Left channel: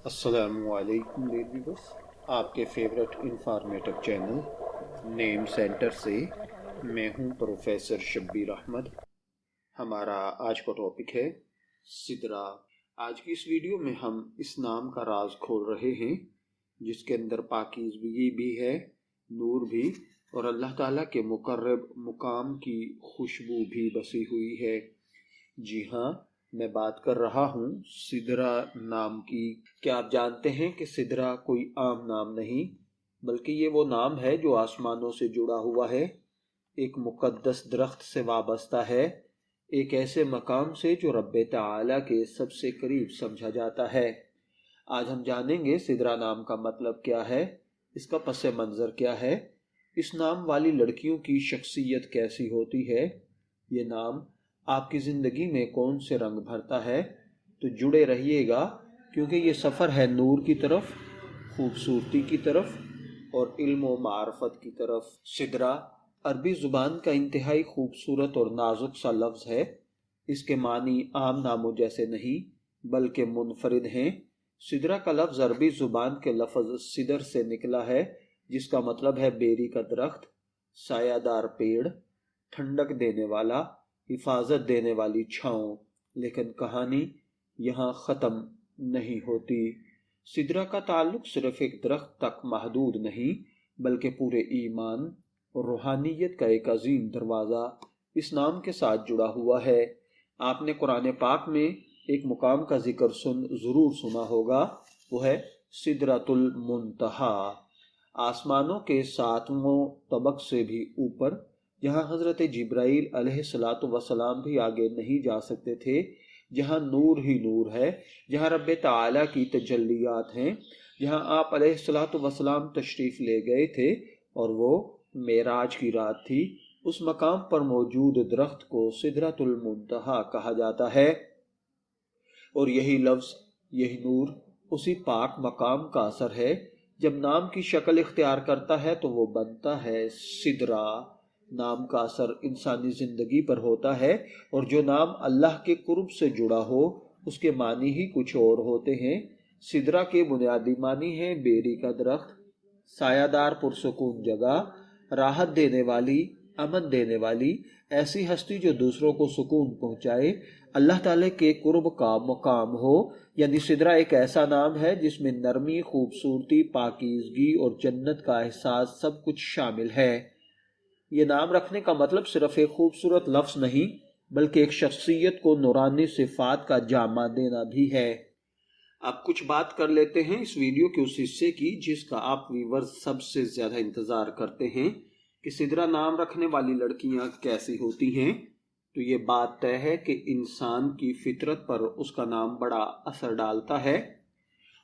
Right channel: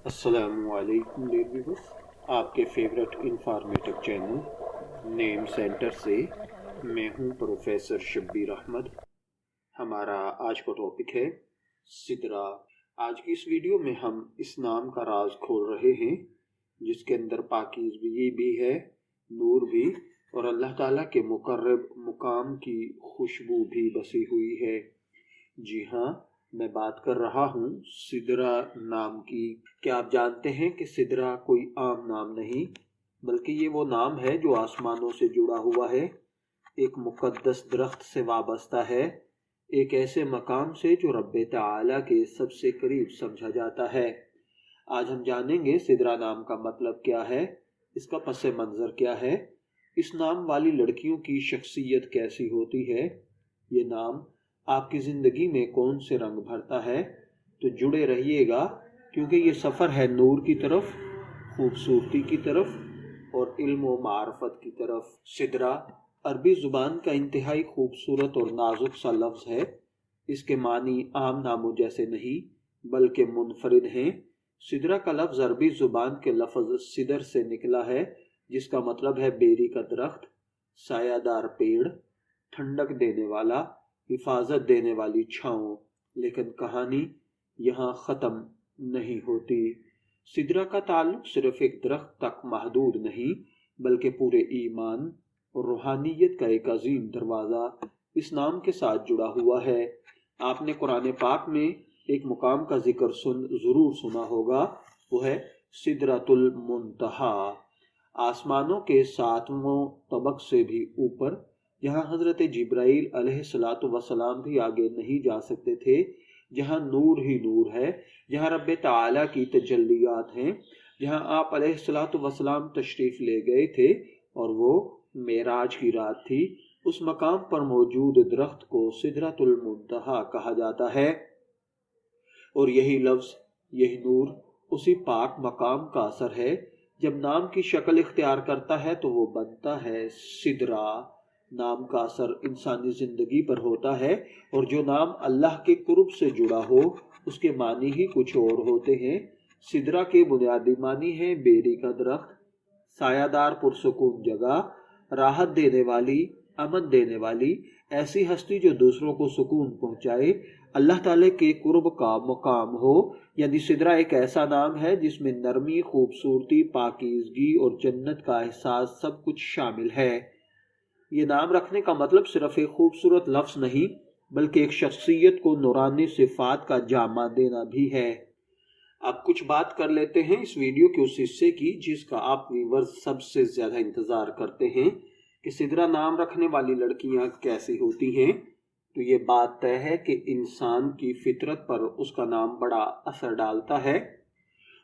अस्सलाम वालेकुम dear viewers, आपके favourite informative channel name centre से मैं हूं प्रोफेसर शब्बीर अहमद। हमारा आज का टॉपिक है सिदरा। आज की इस वीडियो में हम इस नाम का राज खोल रहे हैं जिसके अंदर पाकीज़गी भी है, नूर भी और अल्लाह ताला के मुकर्रब मुकाम की खुशबू भी बसी हुई है। जी हाँ, मैं बात कर रहा हूँ सिदरा नाम की। क्या आप जानते हैं कि सिदरा कोई आम नाम नहीं, बल्कि ये वो नाम है जो आसमानों से जुड़ा हुआ है, एक मुकद्दस दरख्त से वाबस्ता है, एक ऐसे मकाम से जो रब्बे ताला के सबसे करीब समझा जाता है। आज हम जानेंगे सिदरा नाम का मतलब क्या है, इसका पस मंज़र क्या है, इस नाम वाली लड़कियों की शख्सियत कैसी होती है, ये नाम आपकी ज़िंदगी में कौन से रंग भरता है। तो जुड़े रहिएगा, क्योंकि ये सफ़र है नूर की तरफ, खूबसूरती की तरफ और इल्म व मार्फत की तरफ। सिदरा अरबी ज़ुबान का इंतहाई खूबसूरत और नाजुक सा लफ्ज़ है। इसके मानी आम नामों जैसे नहीं बल्कि मुनफरिद हैं। सिदरा का लफ्ज़ अरबी ज़ुबान के लफ्ज़ सिदर से निकला है, जिसका मतलब है बेरी का दरख्त, सायादार पेड़, ठंडक देने वाला, हिफाजत देने वाली छाँव। लेकिन कहानी यहाँ ख़त्म नहीं होती। सिदरा का ताल्लुक सिर्फ एक दरख्त तक महदूद नहीं, बल्कि पूरे ईमान और रूहानियत का एक अजीम दरवाज़ा इस नाम के साथ जुड़ा हुआ है। आपने कुरान पाक में एक मुकाम का जिक्र ज़रूर सुना होगा, वो है सिदरतुल मुंतहा, आसमानों के सातवें तबक से भी ऊपर, जहाँ हज़रत जिब्राईल अलैहिस्सलातु वस्सलाम भी आगे नहीं जा सकते थे, जहाँ नूर ही नूर है, जहाँ रब्बे ताला की तजल्लियात हैं, जहाँ आप अलैहिस्सलातु वस्सलाम तशरीफ़ ले गए थे और वो मेराज की रात थी। उस मकाम पर मौजूद दरख्त को सिदरतुल मुंतहा कहा जाता है और यही लफ्ज़, यही नूर उसी पाक मकाम का असर है। जब नाम की शक्ल इख्तियार करता है तो वो बनता है सिदरा। नाम का असर इंसानी ज़िंदगी पर होता है, और जो नाम अल्लाह के कुर्ब से जुड़ा हो उसके मानी ही कुछ और होते हैं। सिदरा के बुनियादी मानी हैं बेरी का दरख्त, सायादार पुरसुकून जगह, राहत देने वाली, अमन देने वाली, ऐसी हस्ती जो दूसरों को सुकून पहुँचाए, अल्लाह ताला के कुर्ब का मकाम हो। यानी सिदरा एक ऐसा नाम है जिसमें नरमी, खूबसूरती, पाकीज़गी और जन्नत का एहसास सब कुछ शामिल है। ये नाम रखने का मतलब सिर्फ एक खूबसूरत लफ्ज़ नहीं, बल्कि एक शख्सियत को नूरानी सिफात का जामा देना भी है। अब कुछ बात कर लेते हैं इस वीडियो के उस हिस्से की जिसका आप व्यूअर्स सबसे ज़्यादा इंतज़ार करते हैं, कि सिदरा नाम रखने वाली लड़कियां कैसी होती हैं। तो ये बात तय है कि इंसान की फितरत पर उसका नाम बड़ा असर डालता है,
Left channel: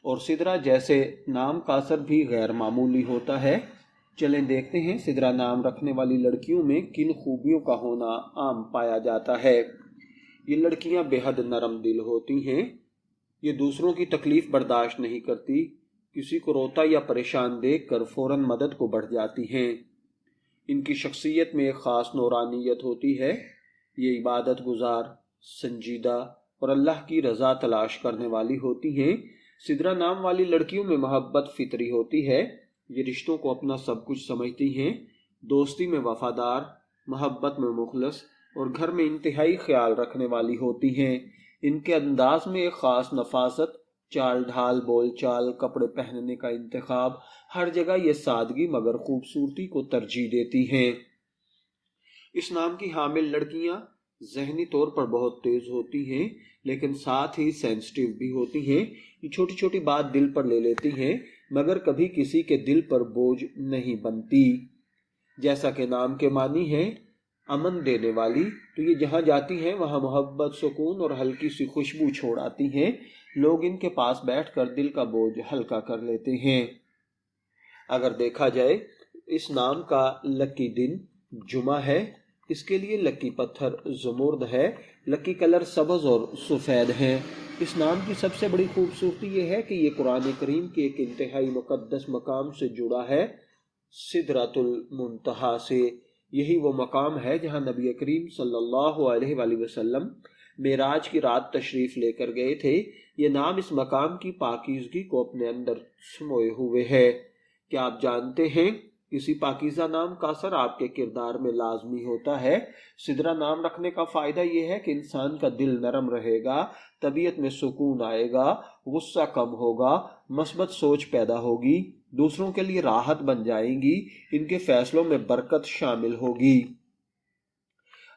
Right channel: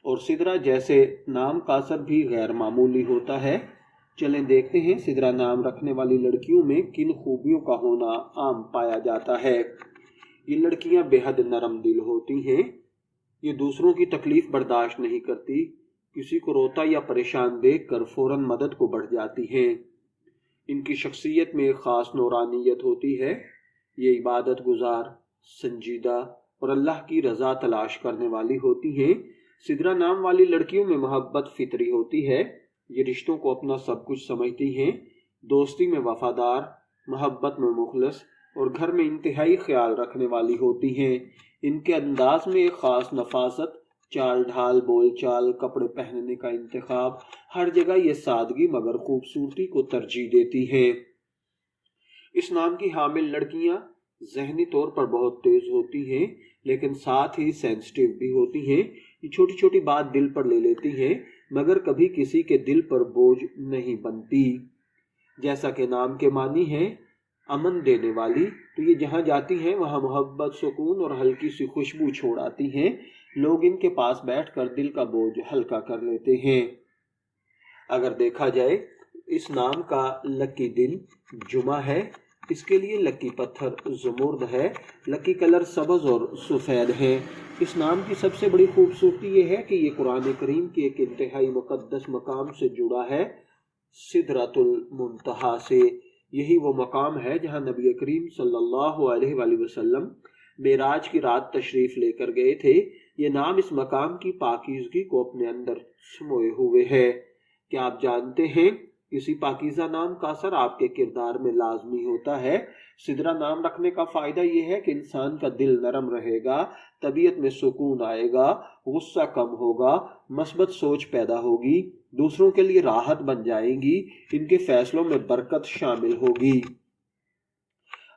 और सिदरा जैसे नाम का असर भी गैर मामूली होता है। चलें देखते हैं सिदरा नाम रखने वाली लड़कियों में किन खूबियों का होना आम पाया जाता है। ये लड़कियां बेहद नरम दिल होती हैं, ये दूसरों की तकलीफ बर्दाश्त नहीं करती, किसी को रोता या परेशान देखकर फौरन मदद को बढ़ जाती हैं। इनकी शख्सियत में एक ख़ास नूरानियत होती है। ये इबादत गुजार, संजीदा और अल्लाह की रज़ा तलाश करने वाली होती हैं। सिदरा नाम वाली लड़कियों में मोहब्बत फितरी होती है। ये रिश्तों को अपना सब कुछ समझती हैं, दोस्ती में वफादार, मोहब्बत में मुखलस और घर में इंतहाई ख्याल रखने वाली होती हैं। इनके अंदाज में एक ख़ास नफासत, चाल ढाल, बोल चाल, कपड़े पहनने का इंतखाब, हर जगह ये सादगी मगर खूबसूरती को तरजीह देती हैं। इस नाम की हामिल लड़कियां जहनी तौर पर बहुत तेज होती हैं, लेकिन साथ ही सेंसिटिव भी होती हैं। ये छोटी छोटी बात दिल पर ले लेती हैं, मगर कभी किसी के दिल पर बोझ नहीं बनती। जैसा कि नाम के मानी है अमन देने वाली, तो ये जहाँ जाती हैं वहाँ मोहब्बत, सुकून और हल्की सी खुशबू छोड़ आती हैं। लोग इनके पास बैठकर दिल का बोझ हल्का कर लेते हैं। अगर देखा जाए, इस नाम का लकी दिन जुमा है, इसके लिए लकी पत्थर ज़मुर्द है, लकी कलर सब्ज़ और सफ़ेद है। इस नाम की सबसे बड़ी खूबसूरती ये है कि ये कुरान करीम के एक इंतहाई मुक़द्दस मकाम से जुड़ा है, सिदरतुल मुंतहा से। यही वो मकाम है जहाँ नबी करीम सल्लल्लाहु अलैहि वसल्लम मेराज की रात तशरीफ़ लेकर गए थे। یہ نام اس مقام کی پاکیزگی کو اپنے اندر سموئے ہوئے ہے۔ کیا آپ جانتے ہیں کسی پاکیزہ نام کا اثر آپ کے کردار میں لازمی ہوتا ہے؟ سدرہ نام رکھنے کا فائدہ یہ ہے کہ انسان کا دل نرم رہے گا، طبیعت میں سکون آئے گا، غصہ کم ہوگا، مثبت سوچ پیدا ہوگی، دوسروں کے لیے راحت بن جائیں گی، ان کے فیصلوں میں برکت شامل ہوگی۔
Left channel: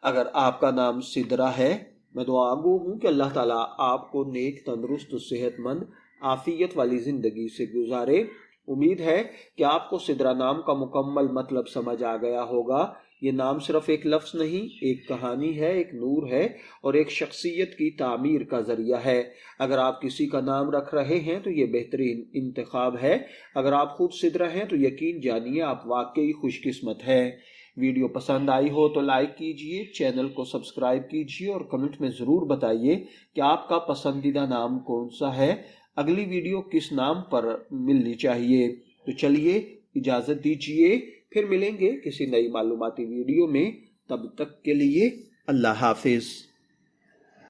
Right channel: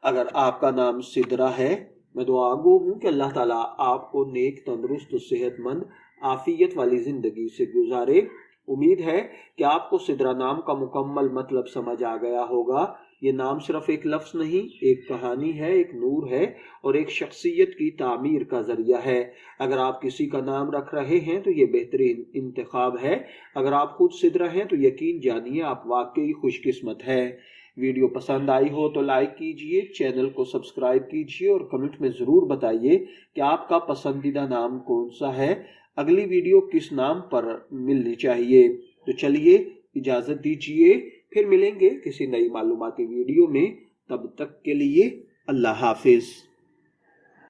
اگر آپ کا نام سدرہ ہے، میں دعا گو ہوں کہ اللہ تعالیٰ آپ کو نیک، تندرست، صحت مند، عافیت والی زندگی سے گزارے۔ امید ہے کہ آپ کو سدرہ نام کا مکمل مطلب سمجھ آ گیا ہوگا۔ یہ نام صرف ایک لفظ نہیں، ایک کہانی ہے، ایک نور ہے اور ایک شخصیت کی تعمیر کا ذریعہ ہے۔ اگر آپ کسی کا نام رکھ رہے ہیں تو یہ بہترین انتخاب ہے۔ اگر آپ خود سدرہ ہیں تو یقین جانیے آپ واقعی خوش قسمت ہیں۔ ویڈیو پسند آئی ہو تو لائک کیجئے، چینل کو سبسکرائب کیجئے اور کمنٹ میں ضرور بتائیے کہ آپ کا پسندیدہ نام کون سا ہے، اگلی ویڈیو کس نام پر ملنی چاہیے۔ تو چلیے اجازت دیجئے، پھر ملیں گے کسی نئی معلوماتی ویڈیو میں۔ تب تک کے لیے اللہ حافظ۔